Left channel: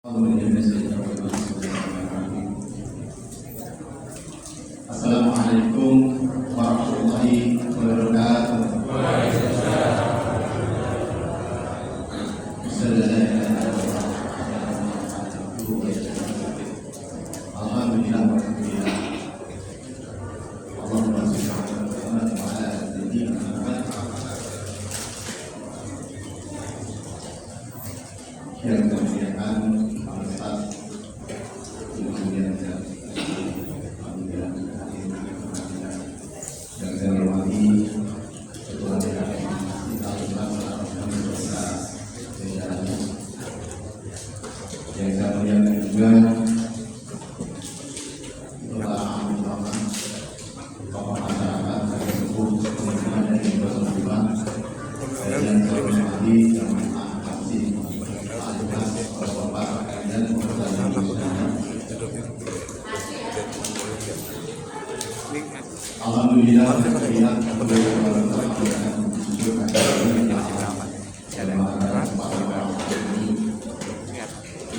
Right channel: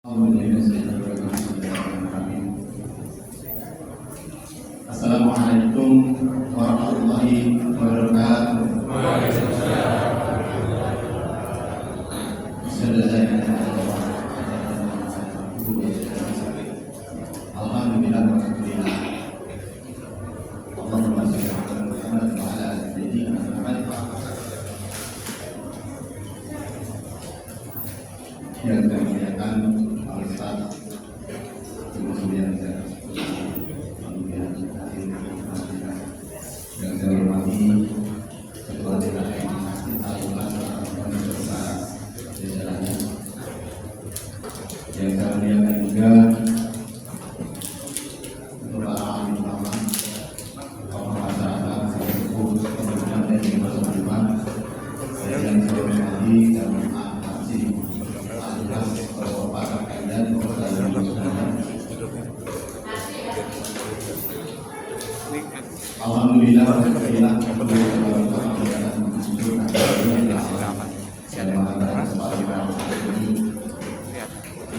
Assalamualaikum warahmatullahi wabarakatuh. Alhamdulillah Allahumma shalli ala Muhammad wa ala ali sayyidina Muhammad. Yang saya muliakan para staf, kemudian yang saya hormati Ketua DPR kita ulang beserta jajarannya. Yang saya muliakan juga Ketua Utama tokoh masyarakat sepuh kemudian dari Bapak dan yang saya hormati Alhamdulillah,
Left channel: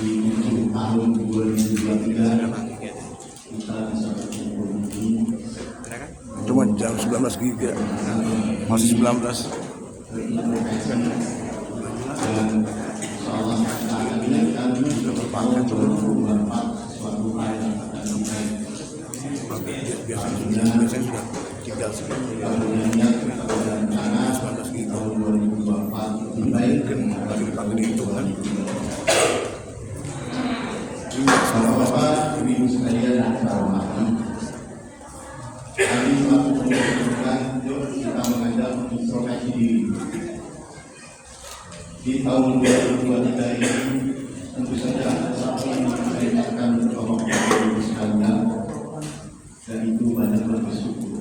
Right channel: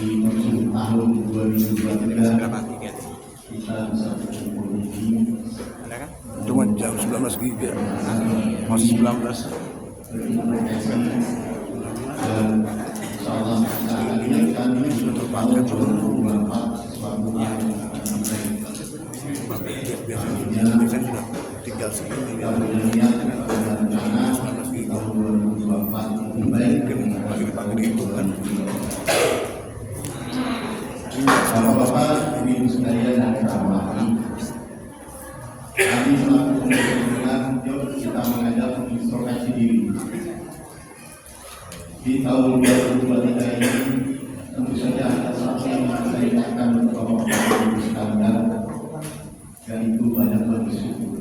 di tahun 2023 kita bisa berkumpul ini. Cuma jam 19 giga masih 19. Dan insyaallah kita akan ingatkan Sudah terpakai tahun 2024 sesuatu yang akan sampai. Biasanya sudah tinggal segini. Kita punya niat, kita punya rencana tahun 2024 lebih baik. Lagi dipakai dihitungan. Bapak-bapak, ibu sekalian yang saya hormati, kami selaku pemerintahan, yuk kita mengajak mengintrospeksi diri. Di tahun 2023 ini tentu saja ada satu yang saya ingatkan untuk bapak-bapak ibu sekalian, dan itu banyak bersyukur.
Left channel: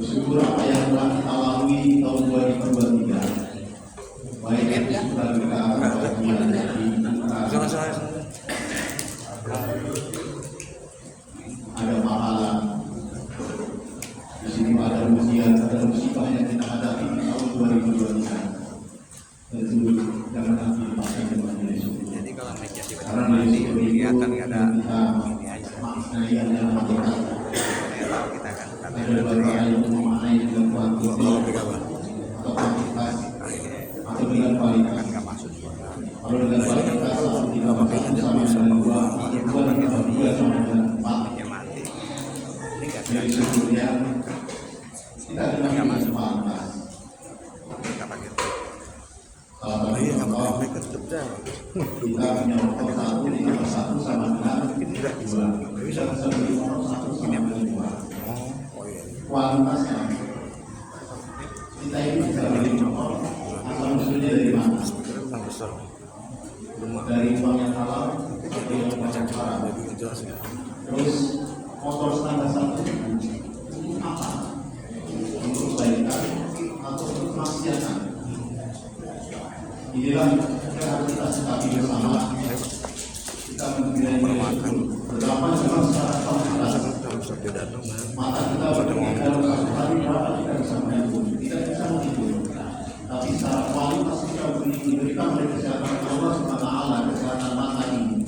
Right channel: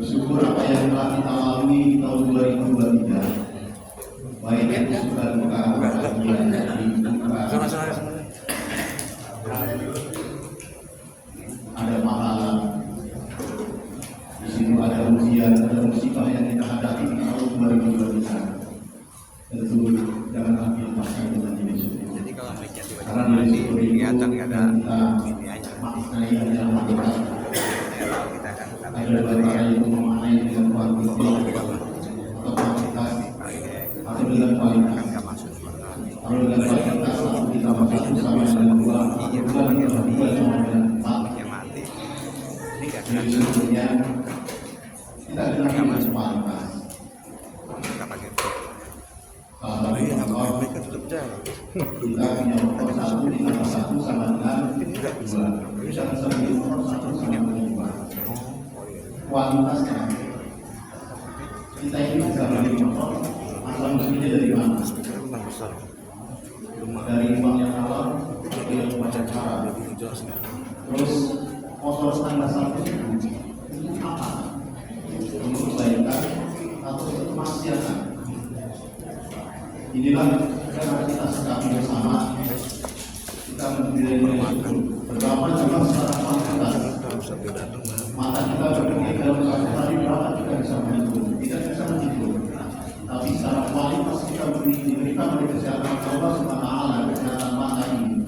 Bersyukur apa yang telah kita lalui tahun 2023, baik itu suka duka, bahagia, sedih, ada pahala, di situ ada ujian, ada musibah yang kita hadapi di tahun 2023. Tentu jangan ambil paksa dengan nilai syukur. Karena nilai syukur itu yang kita maknai yang dalam hakikat. Ada dua cara untuk memaknai dengan kuantitas atau kuantitas atau dengan kualitas. Kalau dengan kualitas satu ditambah satu sama dengan dua, dua ditambah dua sama dengan empat. Nilai syukurnya kita dengarkan masuk kualitas. Salah satu contoh kita punya motor satu ditambah satu sama dengan dua. Bisa sebut motor satu sama dengan dua. Kualitasnya kita ini bisa beli motor asal usulnya dari mana? Dari uang yang halal atau yang macam haram. Terus motor standar satu untuk apa? Untuk kebaikan atau untuk kemaksiatan? Inilah yang harus kita sikapi bersama. Kita menilai syukur. Berapa juga secara kuantitas. Mata kita berpikir dalam satu hari berapa kita bisa menghitung. Tidak bisa menghitung. Tapi secara kualitas kita diberikan oleh kesehatan Allah Subhanahu wa Ta'ala, kesehatan mata ini.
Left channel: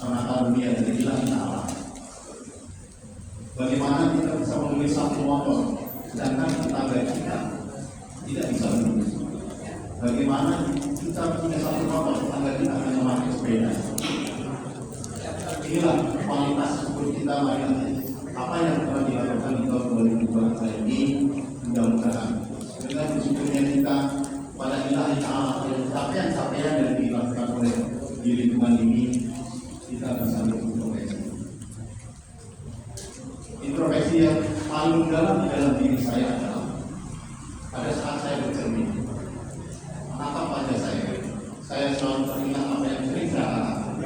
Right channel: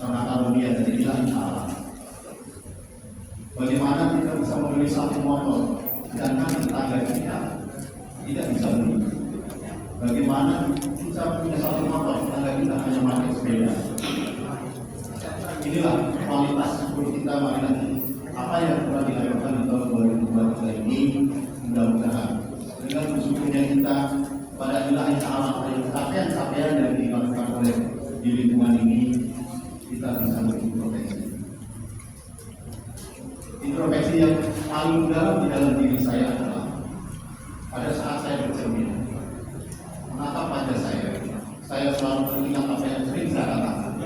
Karena karunia dari Allah Ta'ala. Bagaimana kita bisa membeli satu motor sedangkan tetangga kita tidak bisa beli? Bagaimana kita punya satu motor tetangga kita hanya pakai sepeda? Inilah kualitas syukur kita. Mari nanti apa yang telah dilakukan di tahun 2023 ini, mudah-mudahan dengan bersyukurnya kita pada Allah Ta'ala capaian-capaian yang dilakukan oleh di lingkungan ini, kita bisa berintrospeksi. Introspeksi yang paling dalam di dalam diri saya adalah pada saat saya bercermin, menatap wajah saya selalu teringat apa yang sering saya katakan.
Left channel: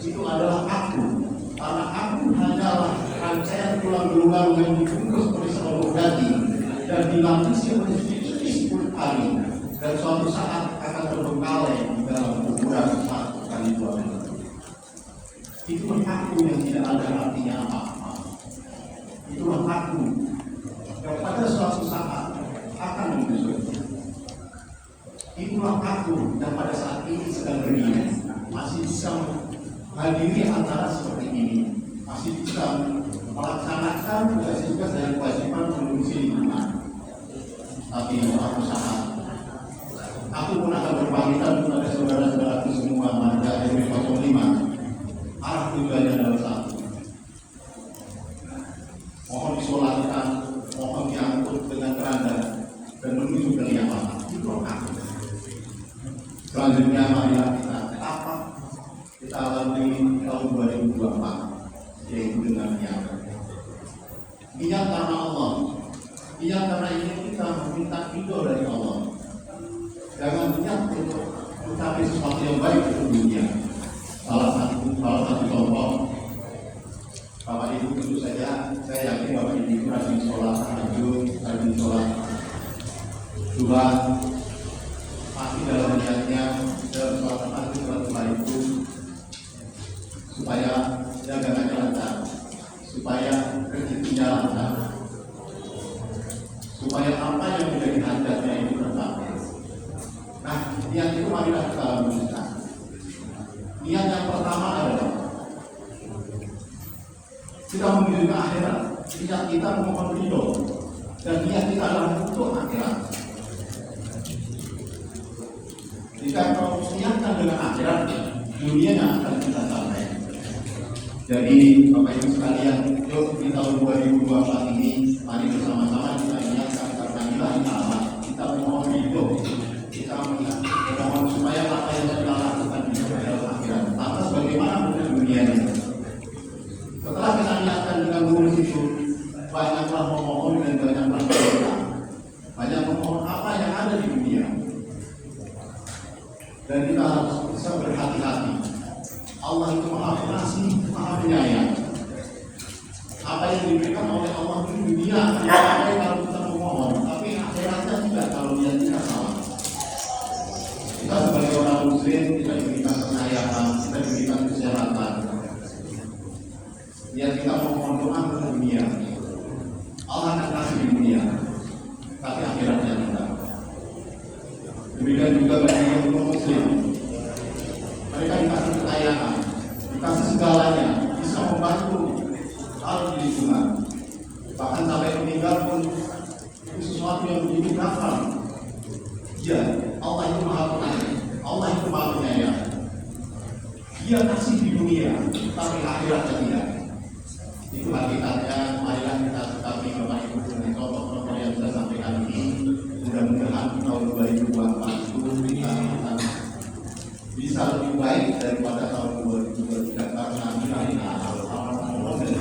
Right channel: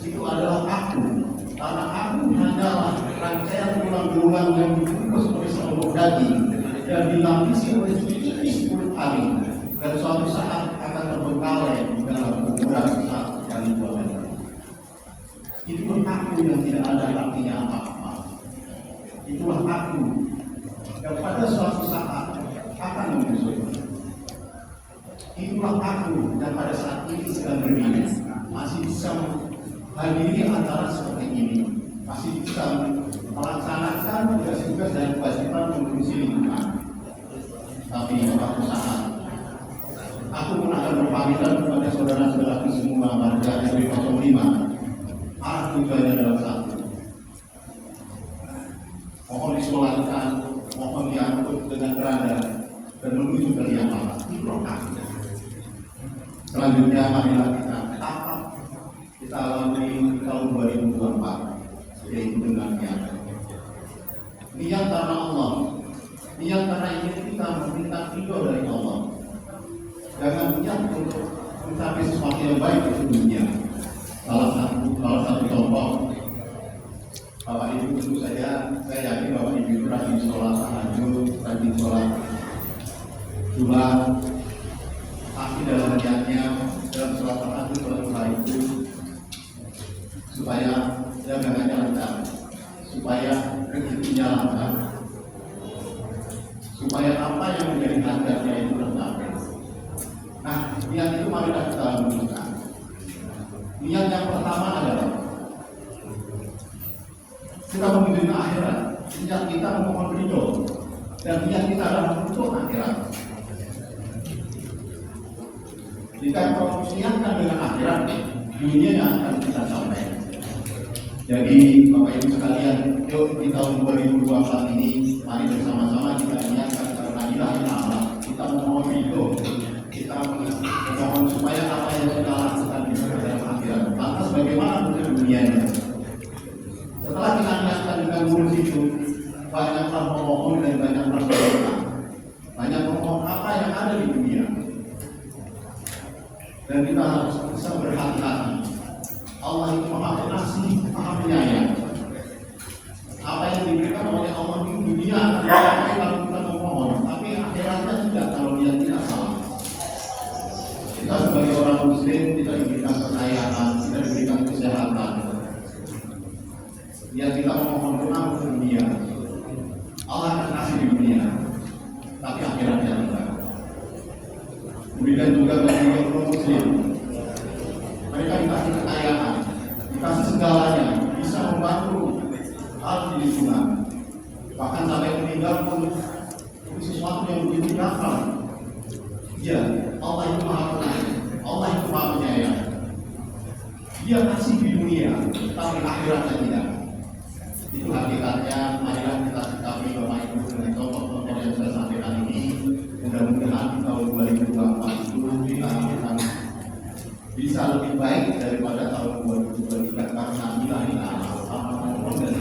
Itu adalah aku, karena aku hanyalah rangkaian tulang belulang yang dibungkus oleh seluruh daging dan dilapisi oleh sedikit kulit hari, dan suatu saat akan terbengkalai di dalam ukuran 1 kali 2 meter. Itulah aku yang tidak ada artinya apa-apa. Itulah aku yang pada suatu saat akan menyusul. Itulah aku yang yang pada saat ini sedang berdiri masih bisa hadiri acara seperti ini, masih bisa melaksanakan tugas-tugas dan kewajiban mengurusi lingkungan. Tapi suatu saat aku pun akan berpamitan kepada saudara-saudaraku semua warga RW 05. Arah tujuannya adalah satu. Mohon disolatkan, mohon diangkut dengan berada dan menuju ke liang lahat. Selanjutnya marilah kita tahap kita lalui tahun 2024, yaitu dengan niat. Niat karena Allah, niat karena ingin kita meminta ridho dari Allah. Jangan niat untuk mencapai sesuatu yang baik di dunia. Salah satu contoh, Bapak Ibu tentu saja, saya yakin Bapak Ibu rajin sholat tahajud, rajin sholat surat, pasti dalam niatnya dalam sholat tahajud, sholat surat itu supaya dagangannya lancar, supaya rezekinya lancar, supaya apa yang menjadi hajatnya itu tercapai. Nah, niat itu marilah kita wujudkan. Niat yang pertama adalah kita menuju ke akhirat. Niat kita memohon ridho, dan niat kita adalah untuk akhirat. Jika kau niatkan dengan akhirat, dunia yang akan kita capai. Jadi Bapak Ibu sekalian, yuk di tahun 2024 ini mari bersama-sama kita niatkan karena ilahi Allah, kita memohon ridho, kita memohon supaya apa yang kita lakukan di dalam akhirat. Lantas bagaimana untuk dunia ini? Setelah kita niatkan dengan mulus itu, banyaklah memohon dan banyaklah berdoa, banyak memohon apa yang ada di dunia. Dan kita harus bisa berhati-hati. Allah itu maha pengasih, maha penyayang. Apa yang diberikan oleh Allah di dunia akan dipakai kalau kita memohon, tapi akhiratnya tidak kalau dia tidak salah. Kita sebagai orang muslim, kita diberikan kekayaan, kita diberikan kesehatan. Dia kita memohon doa untuk dunia, Allah akan kasih di dunia, tapi akhiratnya tidak. Demikian juga bagi yang muslim, mereka dikasih kekayaan, dikasih segalanya, bisa membantu hal di lingkungan, bahkan sampai meninggal pun itu sesuatu yang begitu gampang. Ya, Allah itu maha pengasih, Allah itu maha penyayang. Dia kasih di dunia, tapi akhiratnya tidak. Itu hakikatnya. Marilah kita sikapi Bapak Ibu dengan contoh-contoh yang saya sampaikan ini. Mudah-mudahan tahun 2024 itu kita akan bisa lebih baik daripada tahun 2023 karena ilahi Allah dan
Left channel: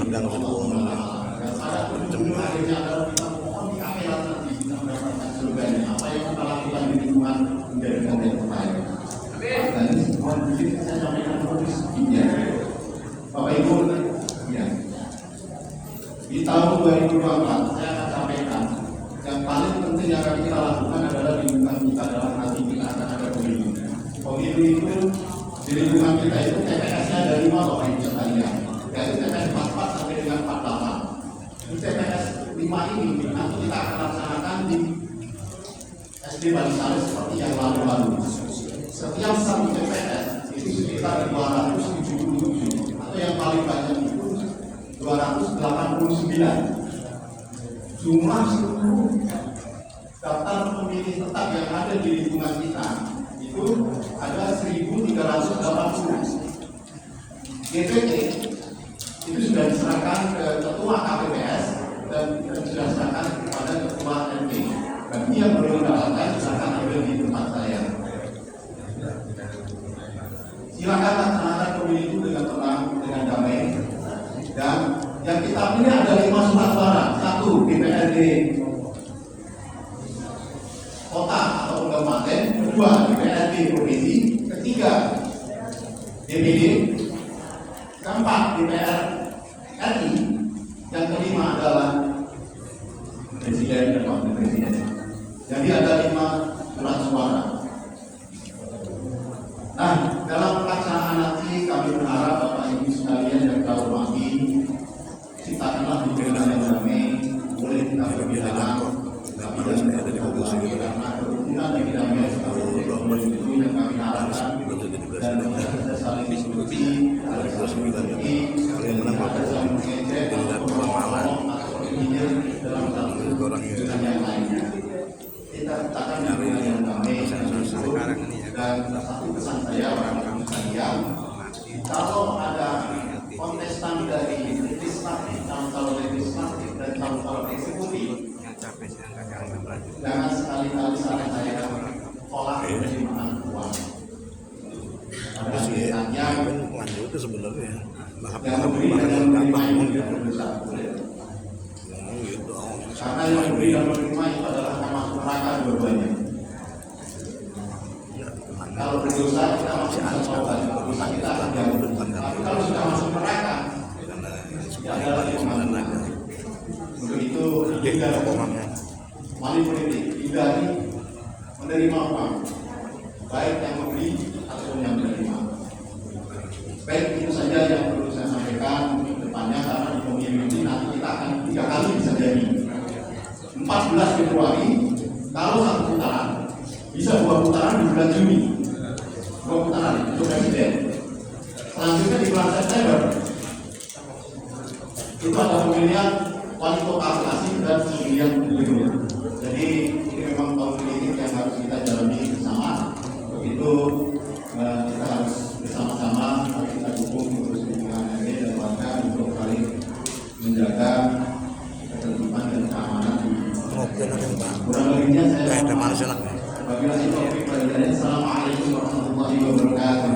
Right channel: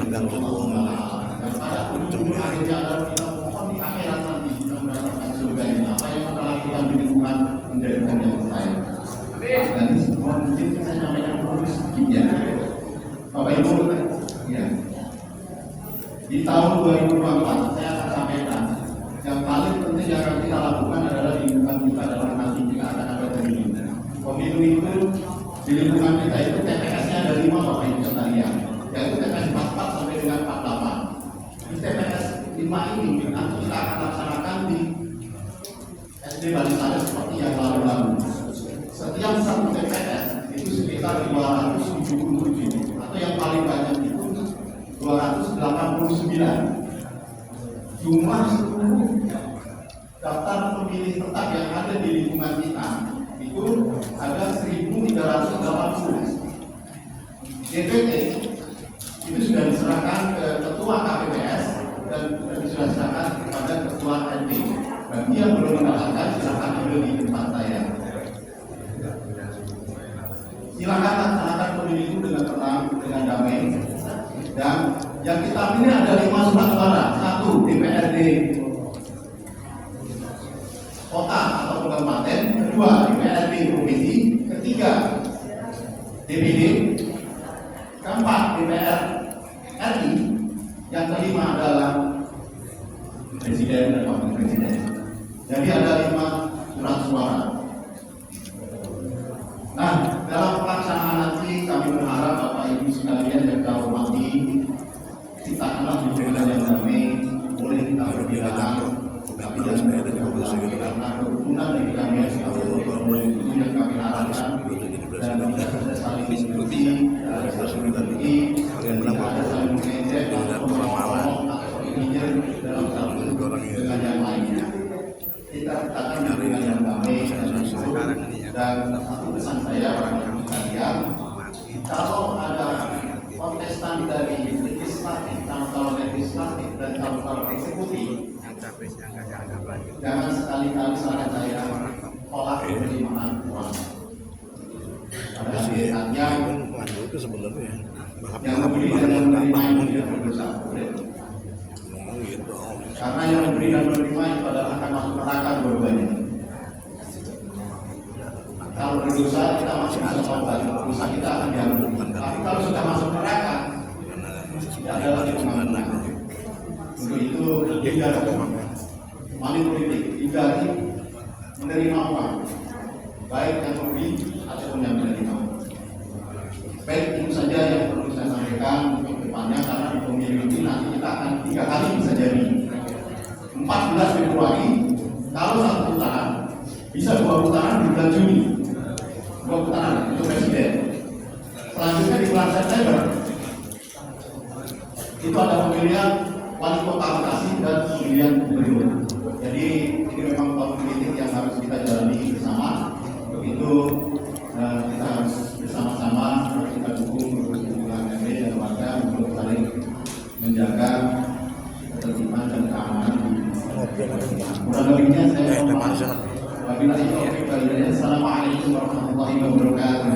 Allah. Dan pada ujung akhirnya adalah kita mohon di akhirat nanti kita mendapatkan surganya. Apa yang kita lakukan di lingkungan menjadikan yang baik. Dan ini semua mungkin saya sampaikan sedikit ya, Bapak Ibu. Ya. Di tahun 2024 saya akan sampaikan yang paling penting yang akan kita lakukan adalah di lingkungan kita adalah nanti kita akan ada pemilu. Pemilu itu di lingkungan kita itu TPS-nya ada 5 Bapak Ibu sekalian, yaitu TPS 44 sampai dengan 48. Di TPS 5 ini nanti kita akan laksanakan di SD Balisari seperti yang lalu-lalu. Setiap satu TPS itu sekitar 277 atau yang paling banyak itu 289. Jumlah seluruh daftar pemilih tetap yang ada di lingkungan kita itu ada 1.380. DPT itu sudah diserahkan ke ketua KPPS dan sudah diserahkan kepada ketua NP. Bagi yang belum mendapatkan silakan ambil di tempat saya. Silakan laksanakan pemilih itu dengan tenang, dengan damai. Dan yang kita pilih ada 5 surat suara. 1 DPRD kota atau kabupaten, 2 DPRD provinsi, 3 DPD, 4 DPR RI, yang kelima adalah presiden dan wakil presiden. Jadi ada 5 surat suara. Nah, dalam pelaksanaan nanti kami berharap Bapak Ibu sekalian yang kita hormati, ciptakanlah di jalan yang damai, boleh kita perbedaan, tapi jangan ada karena kerukunan dan kedamaian kita itu yang kami Dan satu pesan saya orang sekalian, kalau ada kontestan dari legislatif, calon legislatif dan calon eksekutif, jangan sekali-kali saran saya tolak penerimaan uang. Ada hanya Maju itu sebenarnya yang memberi dan yang menerima itu tidak berbeda. gitu. Karena yang memberi dan menerima itu adalah akan masuk neraka dua-duanya. Kalau berdosa kita masih bisa tobat, dosa kita akan diampuni. Tapi kalau sudah masuk neraka, itu adalah pengampunan. Untuk itu hindari money politik, hindari menerima uang, baik yang memberi ataupun yang menerima. Baik itu saja yang perlu saya sampaikan untuk depannya, karena di pemilu ini nanti kita akan 3 kali bisa jadi. 14 Februari, kalau 1 putaran, bisa 2 putaran di bulan Juni. 2 putaran untuk presiden. Selanjutnya di bulan September, itu ada pemilihan wali kota Bekasi dan pemilihan gubernur. Jadi ini memang tahun politik yang harus kita jalani bersama. Untuk itu kita harus bersama-sama kita dukung untuk hubungan RT dan warga untuk saling menjaga ketertiban dan keamanan. Kurang lebihnya saya mohon maaf. Apabila itu, Assalamualaikum warahmatullahi wabarakatuh.